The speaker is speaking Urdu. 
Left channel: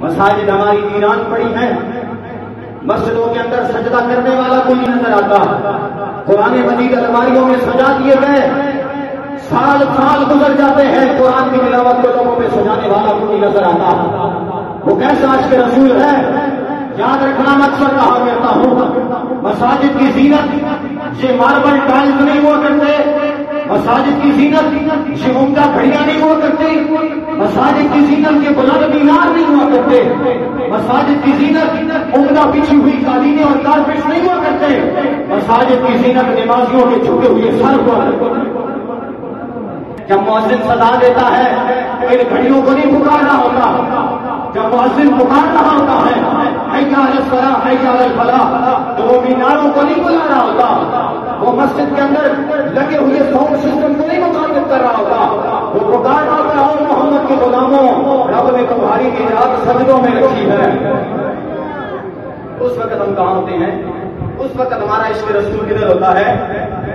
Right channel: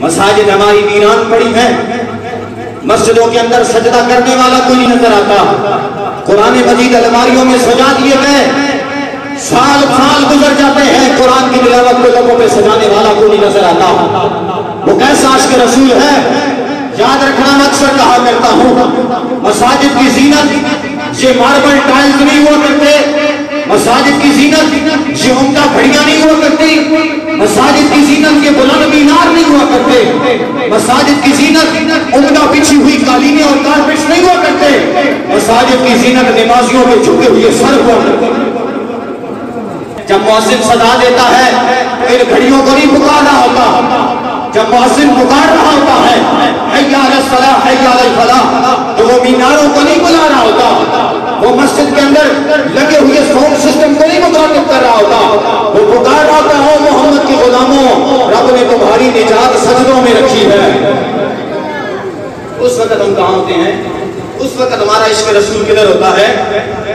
مساجد ہماری ویران پڑی ہیں، مسجدوں کے اندر سجدہ کرنے والا کوئی نہیں نظر آتا، قرآن مجید الماریوں میں سجا دیے گئے، سال سال گزر جاتے ہیں، قرآن کی تلاوت کو لوگوں پہ سجانے والا کوئی نہیں نظر آتا۔ وہ کیسا عاشق رسول ہے؟ یاد رکھنا، میں اکثر کہا کرتا ہوں، مساجد کی زینت یہ ماربل ٹائلز نہیں ہوا کرتے، مساجد کی زینت یہ عمدہ گھڑیاں نہیں ہوا کرتی، مساجد کی زینت یہ بلند مینار نہیں ہوا کرتے، مساجد کی زینت عمدہ بچھی ہوئی قالینیں اور کارپیٹس نہیں ہوا کرتے، مساجد کی زینت نمازیوں کے جھکے ہوئے سر ہوا کرتے۔ جب مؤذن صدا دیتا ہے ان گھڑیوں کو نہیں پکار رہا ہوتا، جب مؤذن پکار رہا ہوتا ہے حی علی الصلاۃ حی علی الفلاح، تو وہ میناروں کو نہیں بلا رہا ہوتا، وہ مسجد کے اندر لگے ہوئے ساؤنڈ سسٹم کو نہیں مخاطب کر رہا ہوتا، وہ پکار رہا ہوتا ہے محمد کے غلاموں، رب نے تمہاری نجات سجدوں میں رکھی ہے۔ اس وقت ہم کہاں ہوتے ہیں؟ اس وقت ہمارا عشق رسول کدھر ہوتا ہے؟